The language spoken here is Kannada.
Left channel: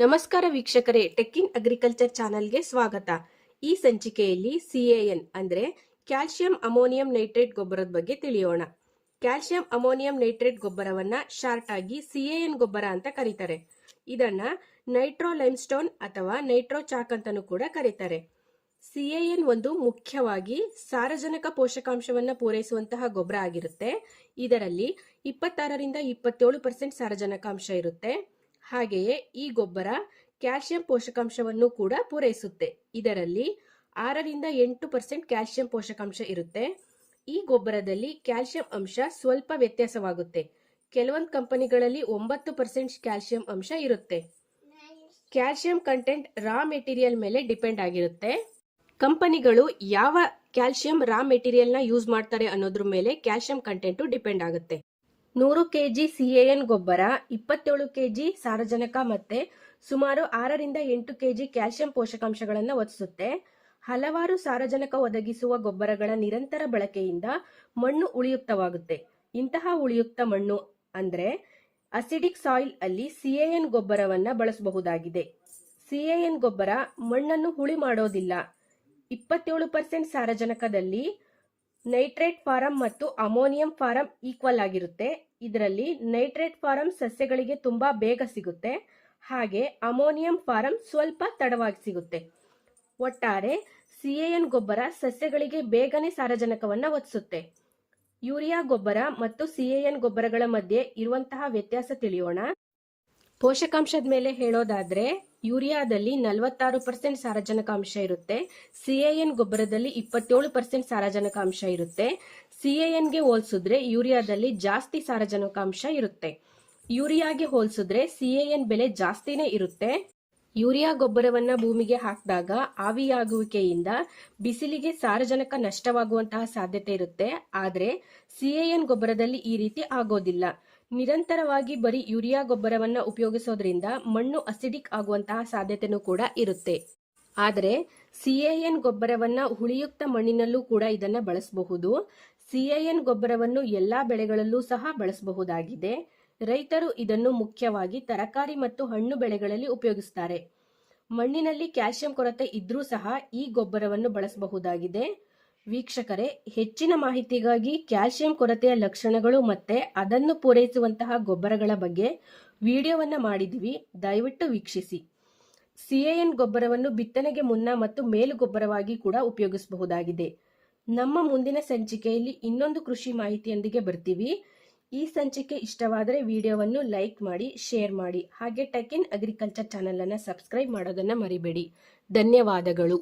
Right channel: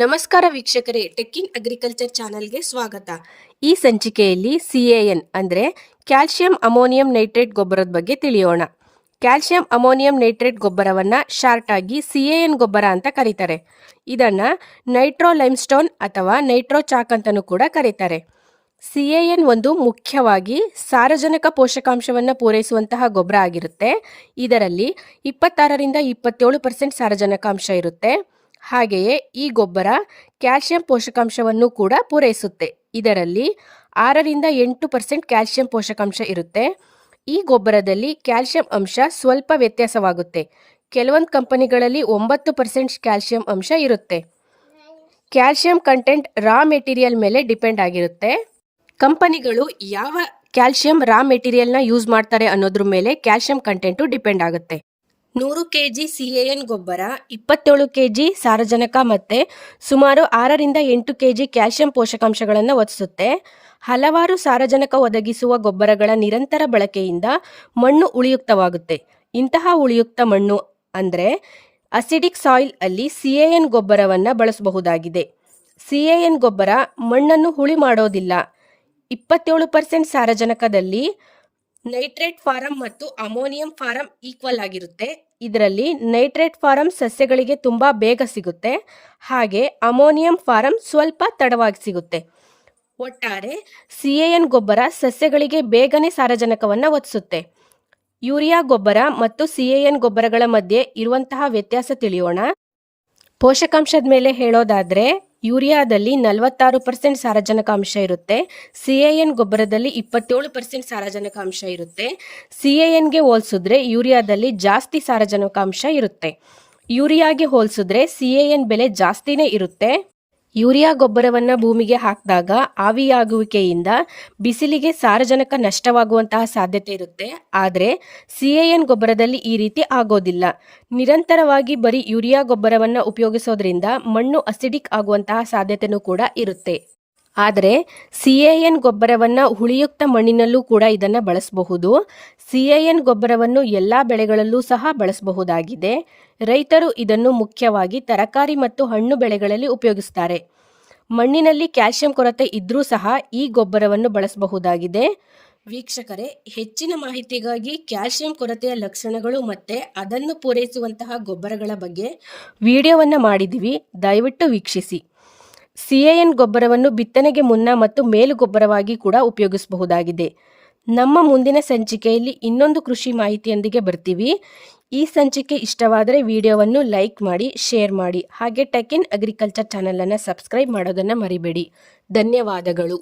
ನಮಸ್ಕಾರ ವೀಕ್ಷಕರೇ, ಟೆಕ್ ಇನ್ ಅಗ್ರಿಕಲ್ಚರ್ ಚಾನಲ್ಗೆ ಸ್ವಾಗತ. ಈ ಸಂಚಿಕೆಯಲ್ಲಿ CAN ಅಂದರೆ ಕ್ಯಾಲ್ಸಿಯಂ ಅಮೋನಿಯಂ ನೈಟ್ರೇಟ್ ಗೊಬ್ಬರದ ಬಗ್ಗೆ ತಿಳಿಯೋಣ. ಕ್ಯಾಲ್ಸಿಯಂ ಅಮೋನಿಯಂ ನೈಟ್ರೇಟ್ ಗೊಬ್ಬರವನ್ನು ಶಾರ್ಟ್ ಆಗಿ CAN ಗೊಬ್ಬರ ಅಂತ ಕರೀತಾರೆ. ಇದನ್ನು ನೈಟ್ರೋ ಲೈಮ್ಸ್ಟೋನ್ ಅಥವಾ ನೈಟ್ರೋ ಚಾಕ್ ಅಂತಲೂ ಕೂಡ ಕರೀತಾರೆ. CAN ಒಂದು ಮುಖ್ಯವಾಗಿ ಸಾರಜನಕ ಪೋಷಕಾಂಶವನ್ನು ಪೂರೈಸುವಂತಹ ಗೊಬ್ಬರ ಆಗಿರುತ್ತೆ. ಇದರಲ್ಲಿ 26ರಿಂದ 27% ಸಾರಜನಕಾಂಶ ಇರುತ್ತೆ. ಹಾಗೆಯೇ ಈ ಗೊಬ್ಬರ ಕ್ಯಾಲ್ಸಿಯಂ ಪೋಷಕಾಂಶವನ್ನು ಕೂಡ ಪೂರೈಸುತ್ತೆ. ಇದರಲ್ಲಿ 6ರಿಂದ 8% ಕ್ಯಾಲ್ಸಿಯಂ ಪೋಷಕಾಂಶ ಇರುತ್ತೆ. ಈ ಗೊಬ್ಬರದಲ್ಲಿ ಕ್ಯಾಲ್ಸಿಯಂ ಅಂಶ ಸ್ವಲ್ಪ ವ್ಯತ್ಯಾಸವಾಗುತ್ತೆ. ಕೆಲವೊಂದು ಕಂಪನಿಗಳಲ್ಲಿ 9% ಕ್ಯಾಲ್ಸಿಯಂ ಅಂಶ ಇರುತ್ತೆ. ಕ್ಯಾಲ್ಸಿಯಂ ಕಂಟೆಂಟ್ ರಾ ಮೆಟೀರಿಯಲ್ ಮೇಲೆ ಡಿಪೆಂಡ್ ಆಗಿರುತ್ತೆ. ಕಂಪನಿಗಳು ಯಾವ ಕ್ಯಾಲ್ಸಿಯಂ ರಾ ಮೆಟೀರಿಯಲ್ನ ಯೂಸ್ ಮಾಡ್ತಾರೆ ಅನ್ನೋದ್ರ ಮೇಲೆ ಕ್ಯಾಲ್ಸಿಯಂ ಕಂಟೆಂಟು ಡಿಪೆಂಡ್ ಆಗುತ್ತೆ. 100 kg CAN ಗೊಬ್ಬರ 27 kg ಸಾರಜನಕ ಮತ್ತು ಸುಮಾರು 6ರಿಂದ 8 kg ಕ್ಯಾಲ್ಸಿಯಂ ಪೋಷಕಾಂಶಗಳನ್ನು ಒದಗಿಸುತ್ತೆ. ಹಲವಾರು ಸಾರಜನಕ ಒದಗಿಸುವ ಗೊಬ್ಬರಗಳ ನಿರಂತರ ಬಳಕೆಯಿಂದ ಮಣ್ಣು ಉಳಿಯುಕ್ತವಾಗುತ್ತೆ. ಇಂತಹ ಉಳಿಯುಕ್ತ ಮಣ್ಣು ಅಂದರೆ ಅಸಿಡಿಕ್ ಸಾಯಿಲ್ ಅಲ್ಲಿ CAN ಗೊಬ್ಬರವನ್ನು ಬಳಸಬಹುದಾಗಿದೆ. CAN ಗೊಬ್ಬರ ಮಣ್ಣನ್ನು ಹುಳಿ ಮಾಡೋದಿಲ್ಲ. 27% ಸಾರಜನಕದಲ್ಲಿ ನೈಟ್ರೇಟ್ ಫಾರಂ ಮತ್ತು ಅಮೋನಿಯಂ ಫಾರಂ ಈಕ್ವಲ್ ಆಗಿರುತ್ತೆ. ಇದರಲ್ಲಿ ನೈಟ್ರೇಟ್ ಫಾರಂ ಸಸ್ಯಗಳಿಗೆ ತುಂಬ ಬೇಗ ಸಿಗುತ್ತೆ, ಹಾಗೆ ಅಮೋನಿಯಂ ಫಾರಂ ಸ್ವಲ್ಪ ತಡವಾಗಿ ಸಿಗುತ್ತೆ. ಒಟ್ಟಾರೆ CAN ಗೊಬ್ಬರ ಸಸ್ಯಗಳಿಗೆ ಬೇಗನೆ ಸಾರಜನಕವನ್ನು ಒದಗಿಸುತ್ತೆ. ಯೂರಿಯಾ ಗೊಬ್ಬರ ಮತ್ತು CAN ಗೊಬ್ಬರಗಳ ಮಧ್ಯೆ ಇರುವಂತಹ ವ್ಯತ್ಯಾಸ ತಿಳಿಯೋಣ. ಪೋಷಕಾಂಶದ ಮೇಲೆ ಹೇಳೋದಾದರೆ ಯೂರಿಯಾದಲ್ಲಿ 46% ಸಾರಜನಕಾಂಶ ಇರುತ್ತೆ. CAN ಗೊಬ್ಬರದಲ್ಲಿ 27% ಸಾರಜನಕಾಂಶ ಇರುತ್ತೆ. CANಗೆ ಹೋಲಿಸಿದ್ರೆ ಯೂರಿಯಾದಲ್ಲಿ ಜಾಸ್ತಿ ಸಾರಜನಕಾಂಶ ಇರುತ್ತೆ. ಯೂರಿಯಾಗೆ ಹೋಲಿಸಿದ್ರೆ CAN ಬೆಲೆ ಜಾಸ್ತಿನೇ ಇರುತ್ತೆ. ಯೂರಿಯಾ ಗೊಬ್ಬರವನ್ನು ಭೂಮಿಗೆ ಹಾಕಿದಾಗ ಆವಿಯಾಗುವಿಕೆಯಿಂದ ಬಿಸಿಲಿಗೆ ಸಾರಜನಕ ನಷ್ಟವಾಗುವಂತಹ ಸಾಧ್ಯತೆ ಇರುತ್ತೆ. ಆದರೆ CAN ಗೊಬ್ಬರದಲ್ಲಿ ಈ ರೀತಿ ಆಗೋದಿಲ್ಲ. ನಿರಂತರವಾಗಿ ಬರೀ ಯೂರಿಯಾ ಗೊಬ್ಬರವನ್ನು ಉಪಯೋಗಿಸೋದ್ರಿಂದ ಮಣ್ಣು ಅಸಿಡಿಕ್ ಆಗುವಂತಹ ಸಾಧ್ಯತೆಯೂ ಕೂಡ ಇರುತ್ತೆ. ಆದರೆ CAN ಗೊಬ್ಬರವನ್ನು ಹುಳಿಯುಕ್ತ ಮಣ್ಣಿನಲ್ಲೂ ಕೂಡ ಇದನ್ನು ಬಳಸಬಹುದು. CAN ಗೊಬ್ಬರವನ್ನು ಎಲ್ಲ ಬೆಳೆಗಳಲ್ಲೂ ಸಹ ಬಳಸಬಹುದಾಗಿದೆ. ರೈತರು ಇದನ್ನು ಮುಖ್ಯವಾಗಿ ತರಕಾರಿ ಮತ್ತು ಹಣ್ಣು ಬೆಳೆಗಳಲ್ಲಿ ಉಪಯೋಗಿಸ್ತಾರೆ. ಮಣ್ಣಿನಲ್ಲಿ ಕ್ಯಾಲ್ಸಿಯಂ ಕೊರತೆ ಇದ್ರೂ ಸಹ ಈ ಗೊಬ್ಬರವನ್ನು ಬಳಸಬಹುದಾಗಿದೆ. ವೀಕ್ಷಕರೇ, ಹೆಚ್ಚಿನ ಮಾಹಿತಿಗಾಗಿ ಕ್ಯಾಲ್ಸಿಯಂ ಕೊರತೆಯ ಲಕ್ಷಣಗಳು ಮತ್ತು ಅದನ್ನು ಪೂರೈಸುವಂತಹ ಗೊಬ್ಬರಗಳ ಬಗ್ಗೆ ವಿಡಿಯೋವನ್ನು ಮಾಡಿದ್ದೀವಿ, ದಯವಿಟ್ಟು ವೀಕ್ಷಿಸಿ. CAN ಗೊಬ್ಬರವನ್ನು ಬಿತ್ತನೆಗೆ ಮುನ್ನ ಮತ್ತು ಮೇಲು ಗೊಬ್ಬರವಾಗಿ ಕೂಡ ಉಪಯೋಗಿಸಬಹುದಾಗಿದೆ. ನಮ್ಮ ಮುಂದಿನ ಸಂಚಿಕೆಯಲ್ಲಿ ಇನ್ನೊಂದು ಕೃಷಿ ಮಾಹಿತಿಯೊಂದಿಗೆ ಬರ್ತೀವಿ. ಈ ಸಂಚಿಕೆ ಇಷ್ಟವಾದರೆ ವಿಡಿಯೋವನ್ನು ಲೈಕ್ ಮಾಡಿ, ಶೇರ್ ಮಾಡಿ, ಹಾಗೆ ಟೆಕ್ ಇನ್ ಅಗ್ರಿಕಲ್ಚರ್ ಚಾನಲನ್ನು ಸಬ್ಸ್ಕ್ರೈಬ್ ಮಾಡೋದನ್ನು ಮರಿಬೇಡಿ. ಧನ್ಯವಾದಗಳು.